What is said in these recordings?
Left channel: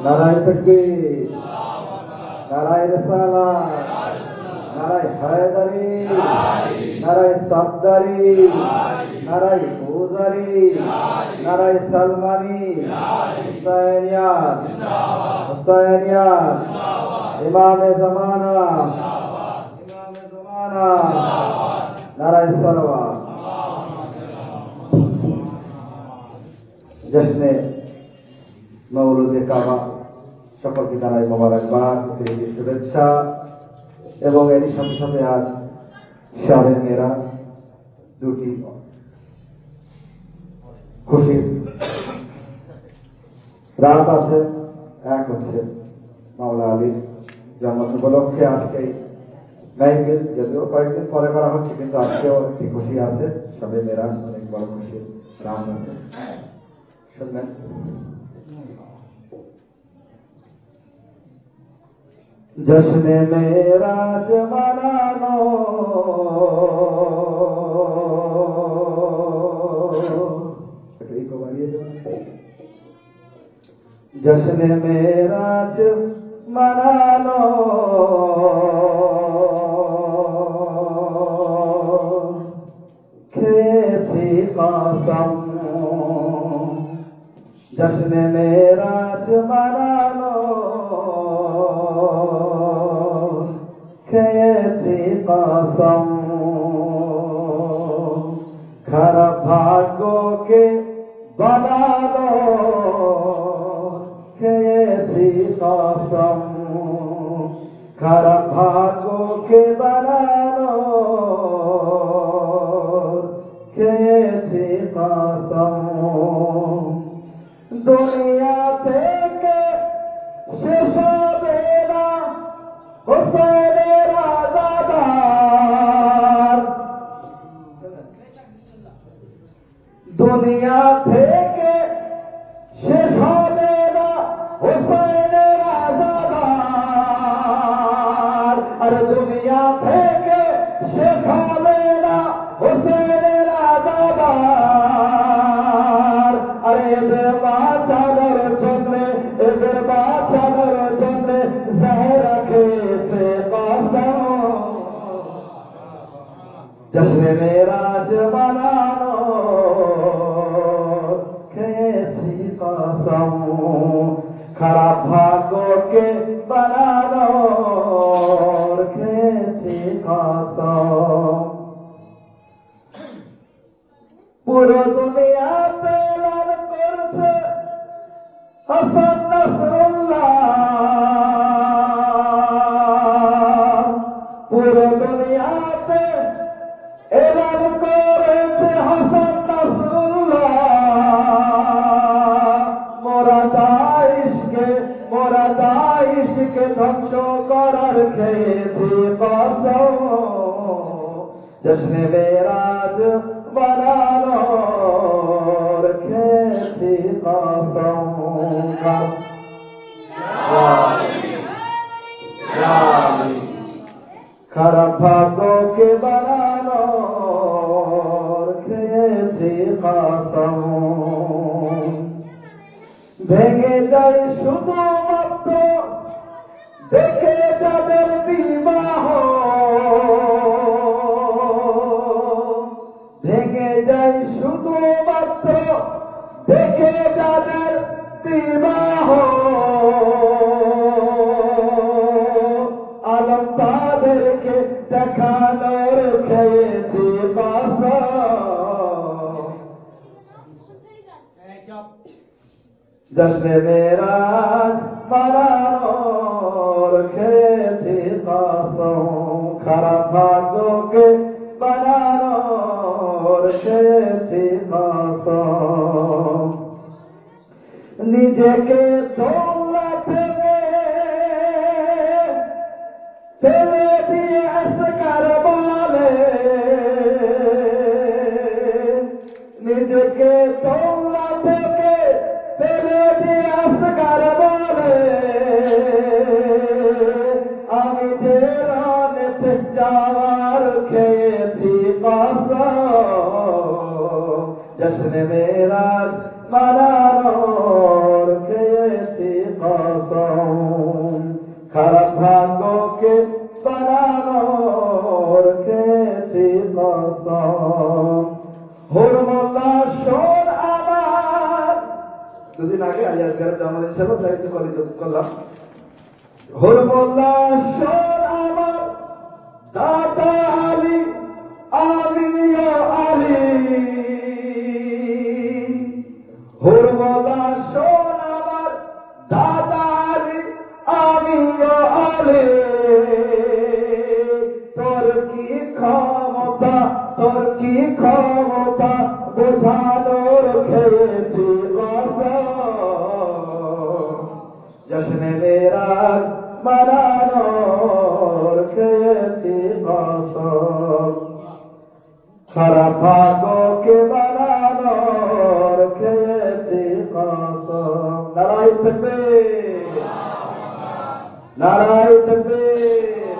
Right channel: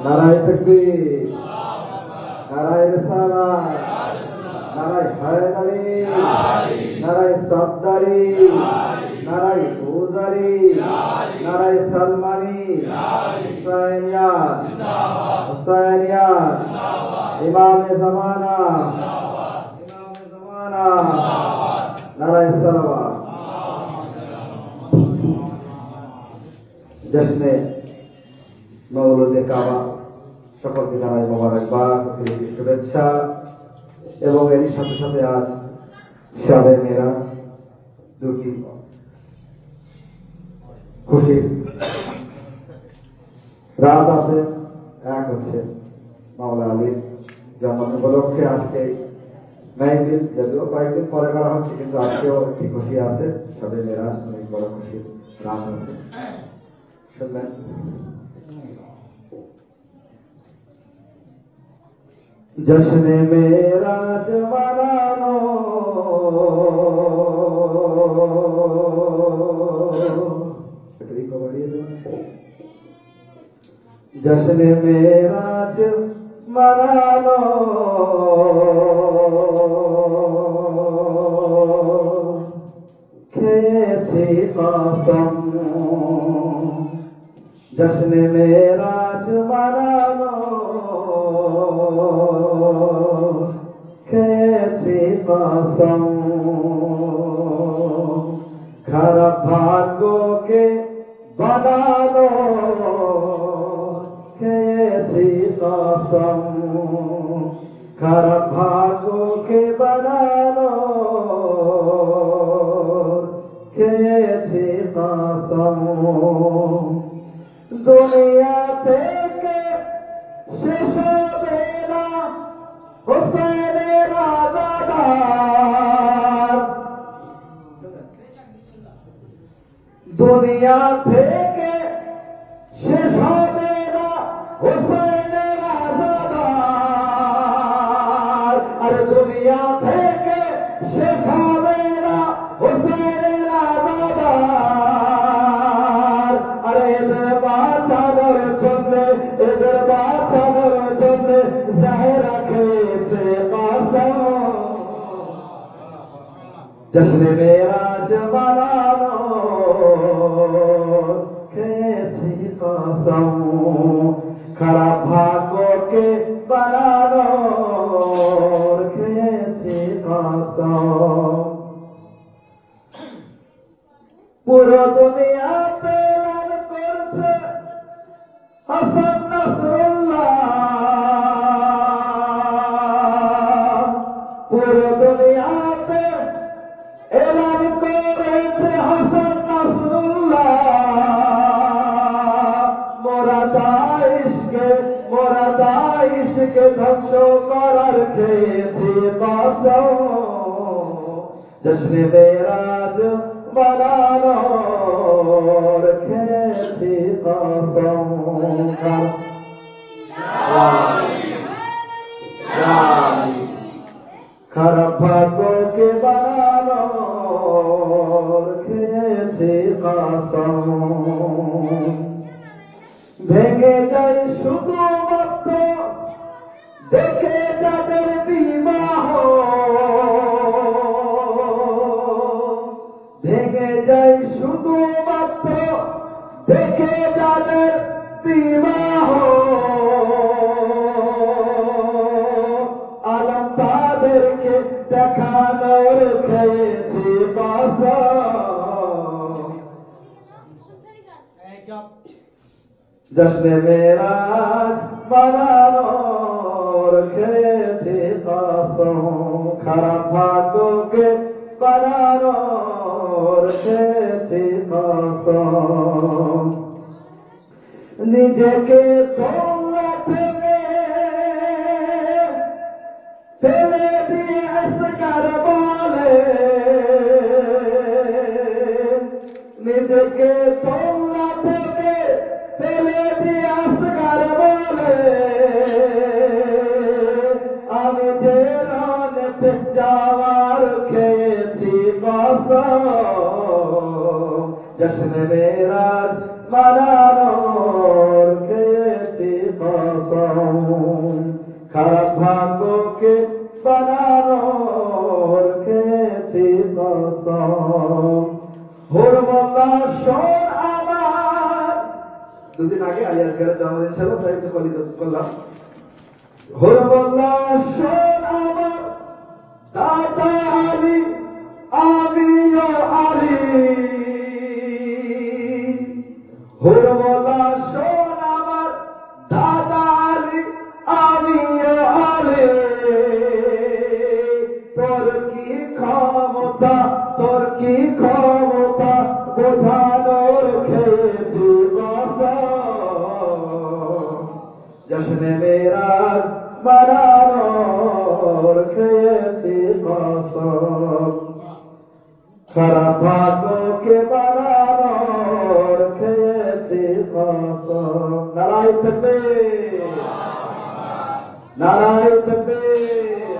नाराय तकबीर, नाराय रिसालत, नाराय हैदरी, नाराय सफदरी, नाराय गुजरी, नाराय सलमानी, हुसैनियत, हुसैनियत, इमाम ज़माना, नाराय सलवात। जिसने मौलूदे काबा সকলকে জানাই মোবারকবাদ, প্রীতি শুভেচ্ছা এবং এর সাথে সাথে আজ শাবে মেরাজ দুটি খুশির রাত আছে। এক হচ্ছে মাওলা আলীর জন্ম উপলক্ষে আজকে গাইবিল, যদিও কয়েকদিন পরে করা হচ্ছে, কিন্তু আজকেও একটি খুশি আছে। শাবে মেরাজ অনেক বড় খুশির রাত আছে। শুনলেন जश्न मेराज मनानो जश्न मेराज मनानो खेची कसम जश्न मेराज मनानो खेची कसम खराब भाग्यों के बना दो खेची कसम खराब भाग्यों के बना दो खेची कसम दुनिया থেকে শেষ হবে না হুসেনের আজাদার, দুনিয়া থেকে শেষ হবে না হুসেনের আজাদার, আর দুনিয়া থেকে শেষ হবে না হুসেনের আজাদার। আরে এদের বাঁচানোর জন্য, এদের বাঁচানোর জন্য জাহেরা খেয়েছে কসম। জশ্ন মেরাজ মানানো খেয়েছি কসম, খারাপ ভাগ্যকে বানানো খেয়েছি কসম। পুরো দুনিয়াতে লাল করছে হাসান নাসরুল্লাহ, পুরো দুনিয়াতে এলান করেছে হাসান নাসরুল্লাহ। মোরা দাইশকে ধ্বংস করার খেয়েছি কসম। জশ্ন মেরাজ বানানোর খেয়েছি কসম। খারাপ ভাগ্যকে বানানোর খেয়েছি কসম। ভেঙে যায় শুধুমাত্র দেখে যাদের বিবাহ, ভেঙে যায় শুধুমাত্র দেখে যাদের বিবাহ, আলম তাদেরকে দেখানোর খেয়েছি কসম। জশ্ন মেরাজ বানানোর খেয়েছি কসম, খারাপ ভাগ্যকে বানানোর খেয়েছি কসম। নিজেকে তোলা থেকে ফেলে দিয়ে আসকার বলে, নিজেকে তোলা জশ্নে মেরাজ মানানোর খেয়েছি কসম, খারাপ ভাগ্যকে বানানোর খেয়েছি কসম। হুরমোল্লা শোন আমার, দুদিন আগে আলী আসগারের জন্মদিন ছিল, তাই তো করলাম। হুরমোল্লা শোন আমার দাদা আলী, আমিও আলী। হুরমোল্লা শোন আমার দাদা আলী, আমিও আলী। তোর কি ক্ষমতা, তোর কি ক্ষমতা বোঝানোর খেয়েছি কসম, জশ্নে মেরাজ মানানোর খেয়েছি কসম, খারাপ ভাগ্যকে বানানোর খেয়েছি কসম। নারায়ে তাকবীর, নারায়ে তাকবীর,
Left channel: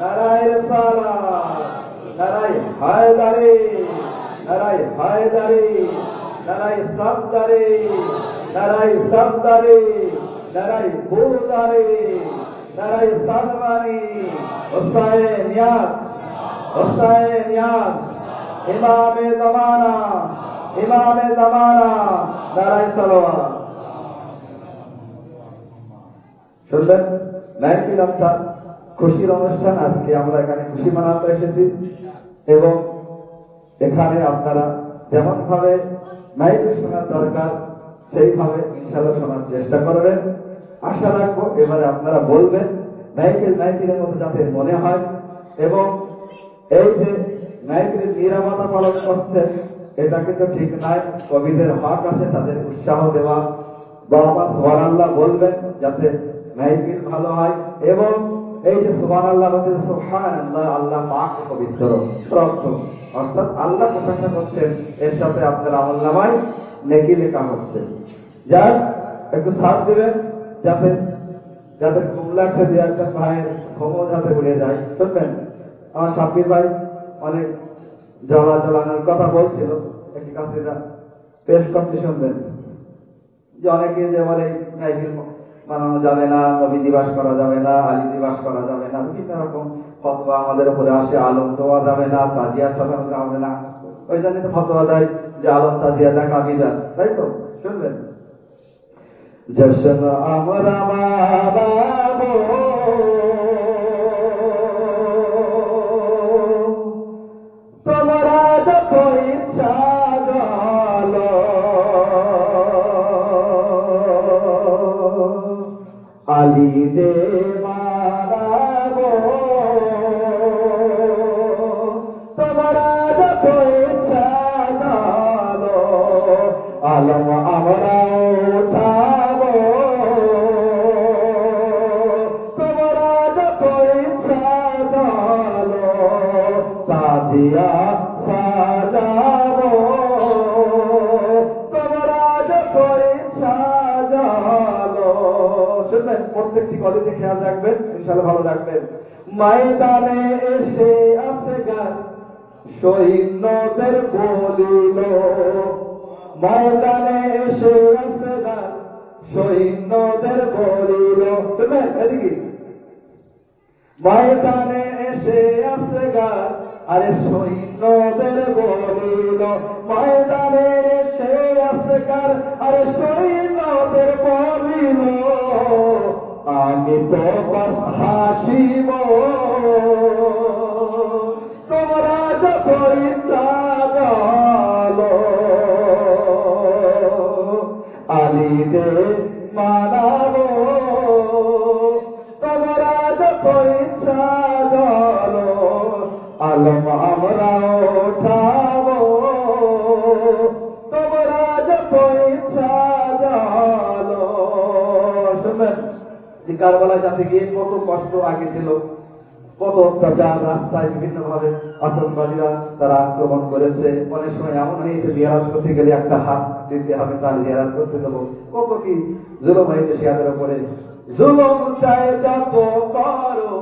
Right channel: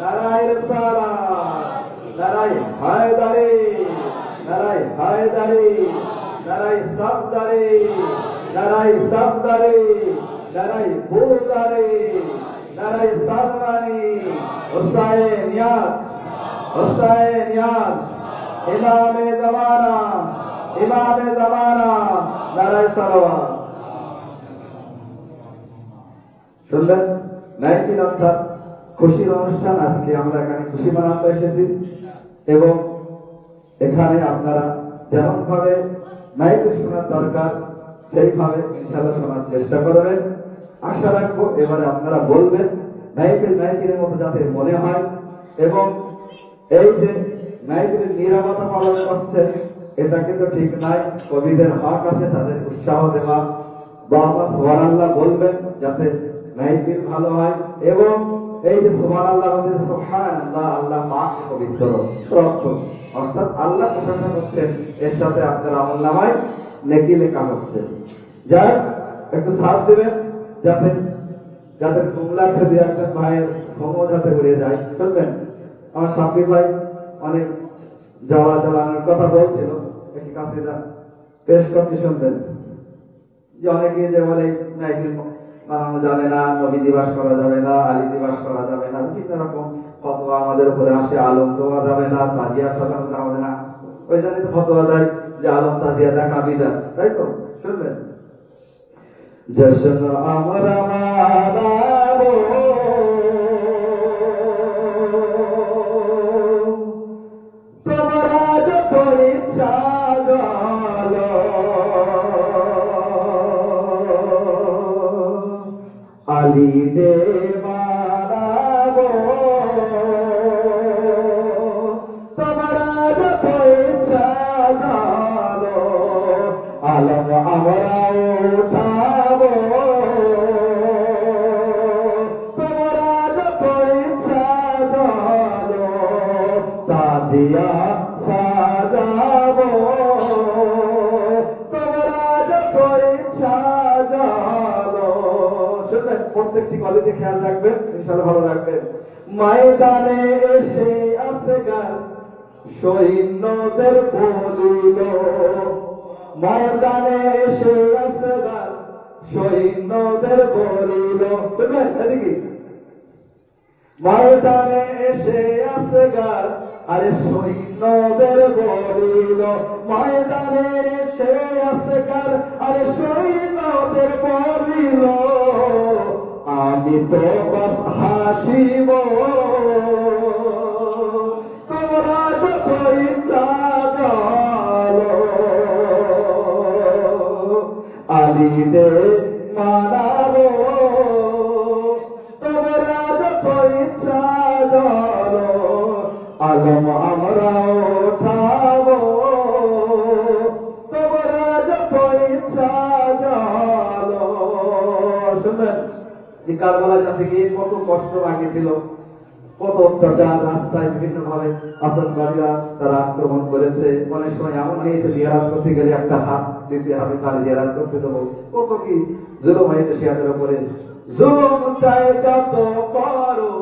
নারায়ে রিসালাত, নারায়ে হায়দারি, নারায়ে হায়দারি, নারায়ে সাফদারি, নারায়ে সাফদারি, নারায়ে বুদারি, নারায়ে সাদমানি, হুসাইন নিয়াজ, হুসাইন নিয়াজ, ইমামে জামানা, ইমামে জামানা, নারায়ে সালাওয়াত। শুনলেন মাহফিল অর্থাৎ খুশির অনুষ্ঠান। আজকে আমরা এখানে খুশি মানাতে এসেছি এবং এখানে আপনারা যেমন ভাবে মাহফিল শোনার দরকার সেইভাবে ইনশাআল্লাহ শোনার চেষ্টা করবেন। আশা রাখবো এবারে আপনারা বলবেন মাহফিলের মতো যাতে মনে হয়, এবং এই যে মাহফিলের নিরাপত্তা পালন করছেন এটা কিন্তু ঠিক নয়। কবিদের হক আছে তাদের উৎসাহ দেওয়া, বাবা সুবহানাল্লাহ বলবেন যাতে মাহফিল ভালো হয়। এবং এই যে সুবহানাল্লাহ বলতে সুবহানাল্লাহ, আল্লাহ পাক পবিত্র শ্রদ্ধ, অর্থাৎ আল্লাহ প্রশংসা করছেন, এর সাথে আপনার আমলনামায় নেকি লেখা হচ্ছে। যার একটু সাথ দেবেন যাতে যাতে কুমলাছে দু একটা ভাইয়ের ঘুমো যাতে উড়ে যায়। শুনবেন আমার সাব্বির ভাই অনেক জ্বালানোর কথা বলছিল, একটু কাছে যান পেশ করতে শুনবেন যে অনেকে যে বলে মাহফিল বানানো যাবে না, নবী দিবস করা যাবে না, আলী দিবস করা যাবে না, বিভিন্ন রকম ফতোয়া আমাদের উপরে আসে, আলম দেওয়া যাবে না, তাজিয়া সালানো যাবে না। ওই জন্য তো ফতোয়া দেয় যে আলম তাজিয়া দেখা বিদা, তাই তো? শুনবেন জশ্ন আমরা মানাবো, তোমরা যত ইচ্ছা গালো, আলী রে মানাবো, তোমরা যত ইচ্ছা গালো, আলম আমরা উঠাবো, তোমরা যত ইচ্ছা গালো, তাজিয়া সাজাবো, তোমরা যত ইচ্ছা গালো। শুনবেন প্রত্যেকটি কলেজে খেয়াল রাখবেন, ইনশাআল্লাহ ভালো রাখবেন। ময়দানে এসে আছে গান সৈন্যদের বলিল, ময়দানে এসে আছে গান সৈন্যদের বলিল। শুনবেন এদিকে ময়দানে এসে আছে গান আরে সৈন্যদের বলিল, ময়দানে এসে আছে গান আরে সৈন্যদের বলিল, আমি তো বাস হাসিব, তোমরা যত ইচ্ছা গালো, আলীতে মানাবো, তোমরা যত ইচ্ছা গালো, আলম আমরা উঠাবো, তোমরা যত ইচ্ছা গালো। শুনবেন যে কারবালা যাতে গিয়ে কত কষ্ট আগে ছিল, কত অত্যাচার, রাস্তায় বিভিন্ন ভাবে আতঙ্কবাদীরা তারা আক্রমণ করেছে। অনেক সময় এমন হয়েছে জিহাদ করতে গেলে একটা হাত দিতে হবে, তার জিহাদ করতে দেবো, কত কি জুলুম হয়েছে শিয়াদের উপরে। জুলুম চাই যত করো,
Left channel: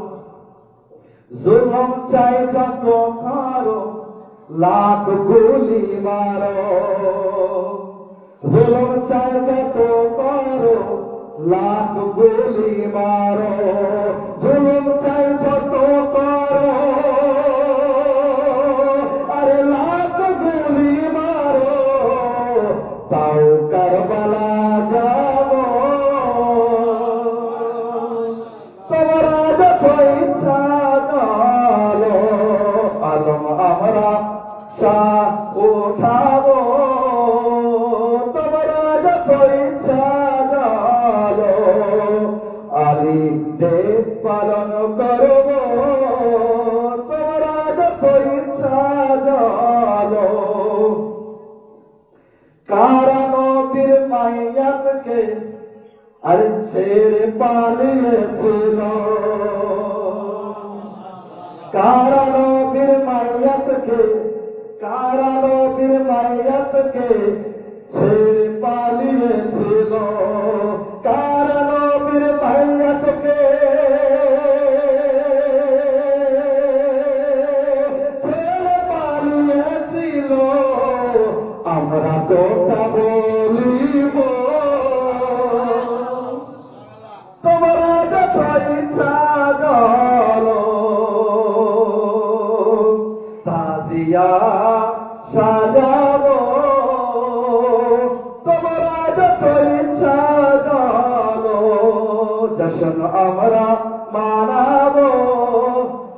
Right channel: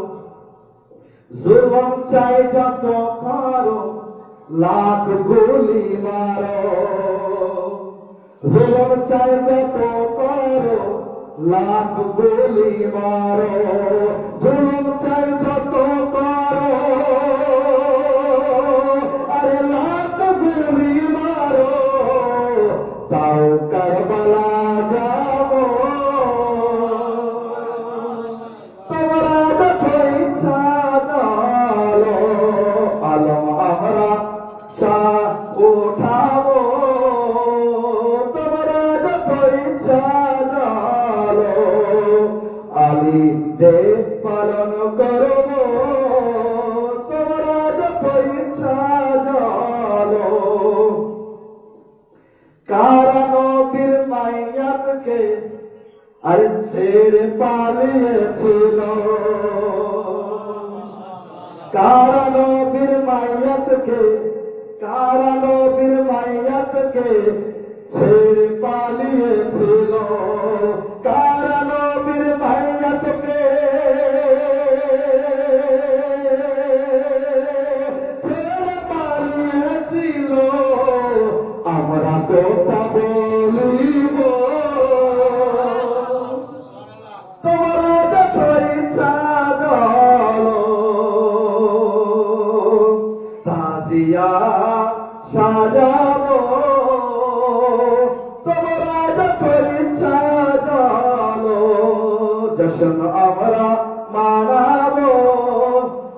জুলুম চাই যত করো, লাখ গুলি মারো, জুলুম চাইতে তো করো লাখ গুলি মারো জুলুম চাই যত করো আরে লাখ গুলি মারো তাও কারবালা যাব তোমরা যত ইচ্ছা চলো আলম আমরা শাহ উঠাবো তোমরা যত ইচ্ছা চলো আলী দে পালন করব তোমরা যত ইচ্ছা চলো কারা নবীর মাইয়াতকে আরে ছেড়ে পালিয়েছিল কারা নবীর মাইয়াতকে ছেড়ে পালিয়েছিল কারা নবীর মাইয়াতকে ছেড়ে পালিয়েছিল আমরা তো তা বলিব তোমরা যত ইচ্ছা চলো তাজিয়া সাজাবো তোমরা যত ইচ্ছা চলো জশন আমরা মানাবো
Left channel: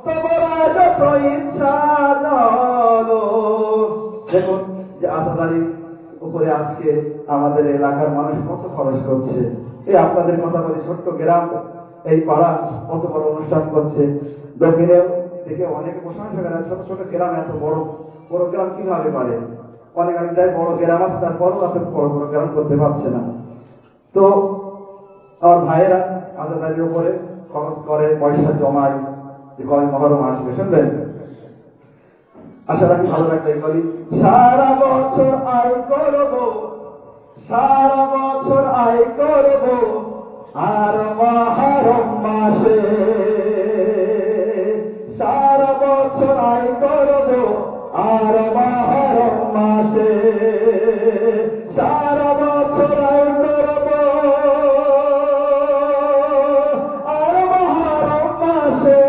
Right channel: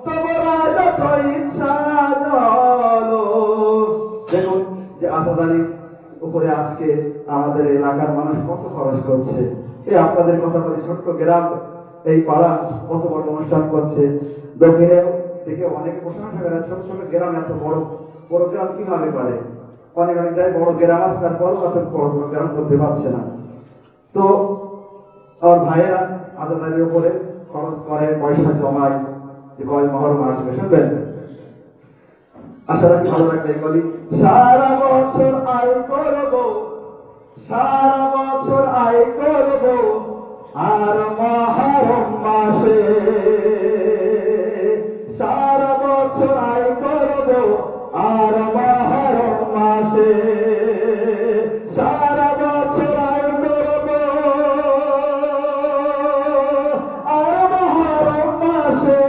তোমরা যত ইচ্ছা চলো দেখুন যে আসাদ আলী উপরে আজকে আমাদের এলাকার মানুষ কত খরচ করছে এই আপনাদের কথা বলে ছোট্ট গ্রাম এই পাড়া কত বড় অনুষ্ঠান করছে দক্ষিণে থেকে অনেক অনুষ্ঠান হয়ে গেছে ছোট ছোট গ্রাম এত বড় বড় গ্রাম কিভাবে পারে অনেক অনেক জায়গায় বড় গ্রাম আছে তারপর কত বড় বড় গ্রাম করতে পারছে না তো আমার ভাইয়েরা আজাদ আলীর উপরে খরচ করে পয়সা জমায় যে কবে মহরম আসবে শুনবেন আশা রাখি ভালো একটা করি সারা বছর আয় করবো আর মহরম মাসে সারা বছর আয় করবো আর মহরম মাসে সারা বছর আয় করবো আর মহরম মাসে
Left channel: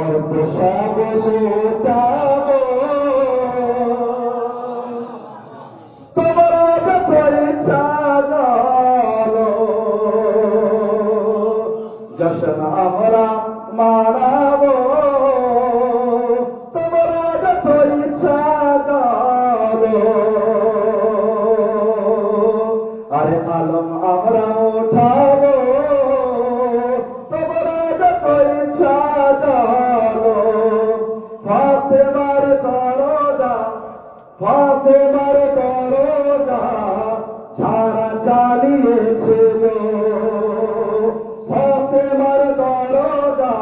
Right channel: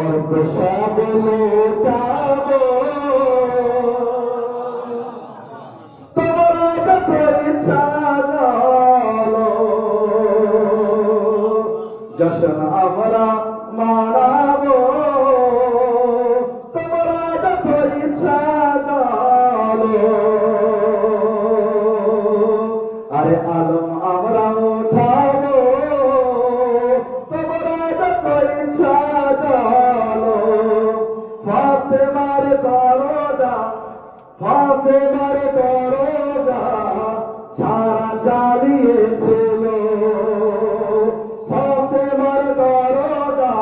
অল্প সব লুটাবো তোমরা যত ইচ্ছা চলো জশন আমরা মানাবো তোমরা যত ইচ্ছা চলো আরে আলম আমরা উঠাবো তোমরা যত ইচ্ছা চলো ফাতেমার দরজা ছাড়া চালিয়েছিল ফাতেমার দরজা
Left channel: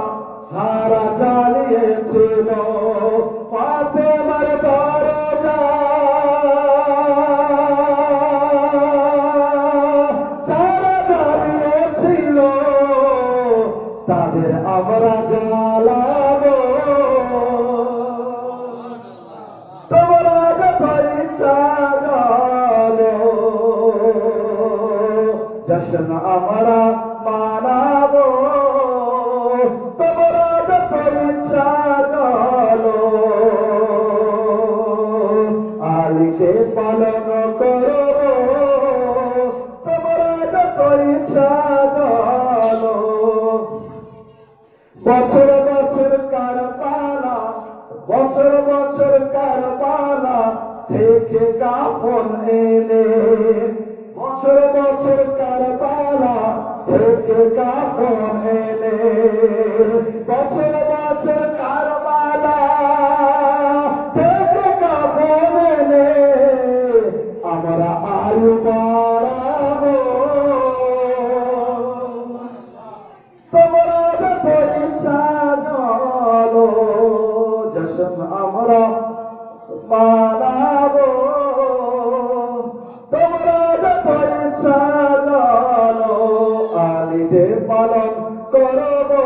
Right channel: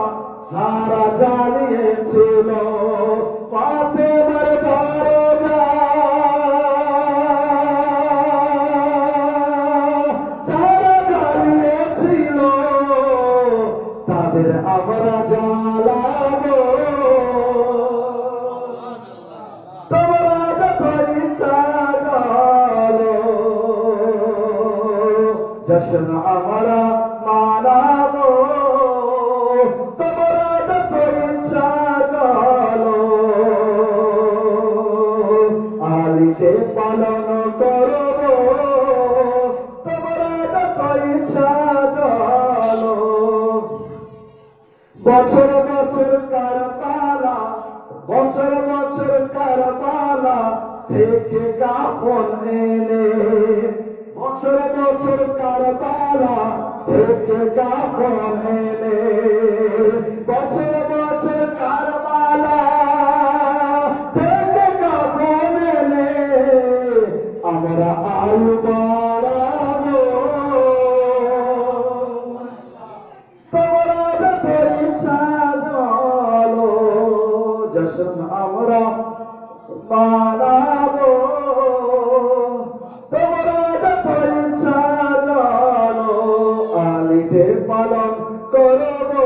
ছাড়া চালিয়েছিল ফাতেমার দরজা ছাড়া চালিয়েছিল তাদের আমরা জ্বালাবো তোমরা যত ইচ্ছা চলো জশন আমরা মানাবো তোমরা যত ইচ্ছা চলো আলীকে পালন করবো তোমরা যত ইচ্ছা চলো বছর বছর কারবালা থেকে কাফন এনে বছর বছর কারবালা থেকে কাফন এনে বছর বছর কারবালা থেকে কাফন এনে আমরা আলু বাড়াবো তোমরা যত ইচ্ছা চলো জশন আমরা মানাবো তোমরা যত ইচ্ছা চলো আলীকে পালন করবো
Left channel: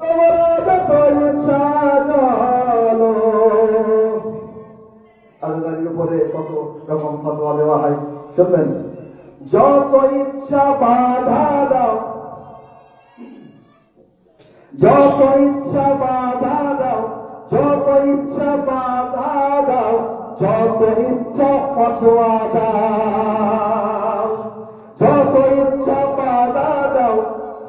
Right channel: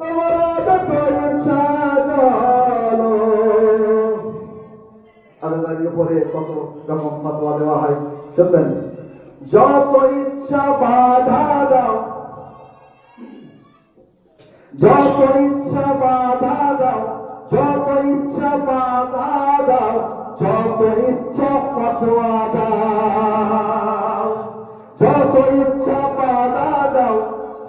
তোমরা যত ইচ্ছা চলো আল্লাহর উপরে রকম ফতোয়া দেওয়া হয়। শুনবেন, যত ইচ্ছা বাধা দাও, যত ইচ্ছা বাধা দাও, যত ইচ্ছা বাধা দাও, যত ইচ্ছা ফতোয়া দাও, যত ইচ্ছা বাধা দাও,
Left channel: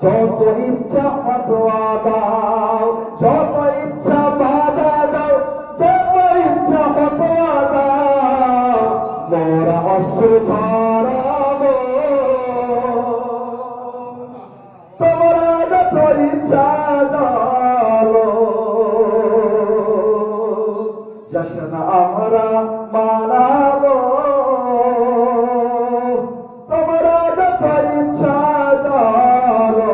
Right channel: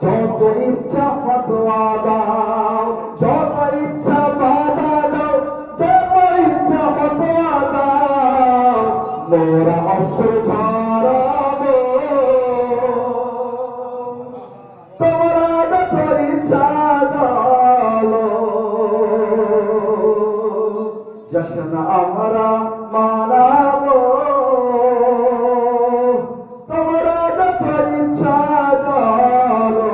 যত ইচ্ছা ফতোয়া দাও, যত ইচ্ছা বাধা দাও, যত ইচ্ছা ফতোয়া দাও, মোরা অস্ত্র ধরাবো, তোমরা যত ইচ্ছা চলো, জশ্ন আমরা মানাবো, তোমরা যত ইচ্ছা চলো,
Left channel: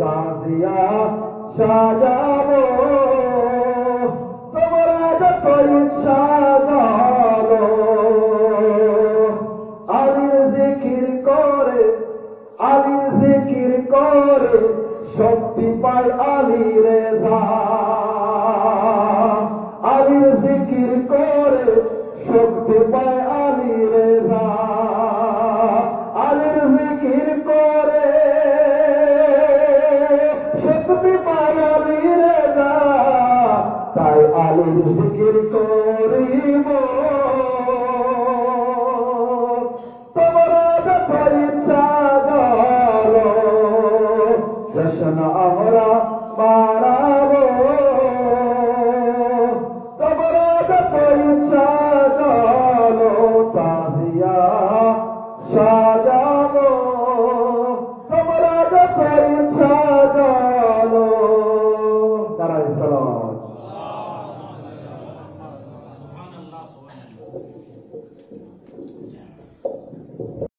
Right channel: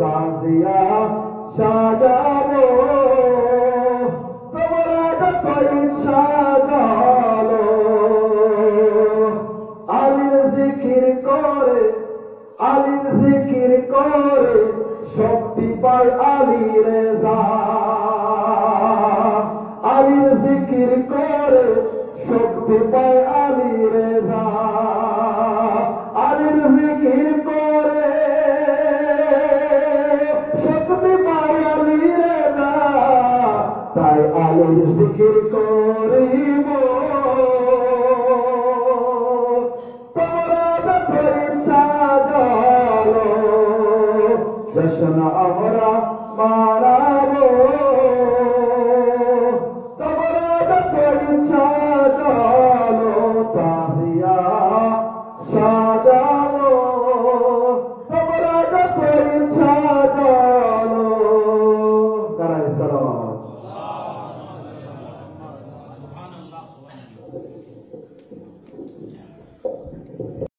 তাজিয়া সাজাবো, তোমরা যত ইচ্ছা চলো, আলীর জিকির করে, আলীর জিকির করে শক্তি পায় আলী রেজা, আলীর জিকির করে শক্তি পায় আলী রেজা, আলীর জিকির করে শক্তি পায় আলী রেজা, তাই আলীর জিকির করিব, তোমরা যত ইচ্ছা চলো, জশ্ন আমরা মারা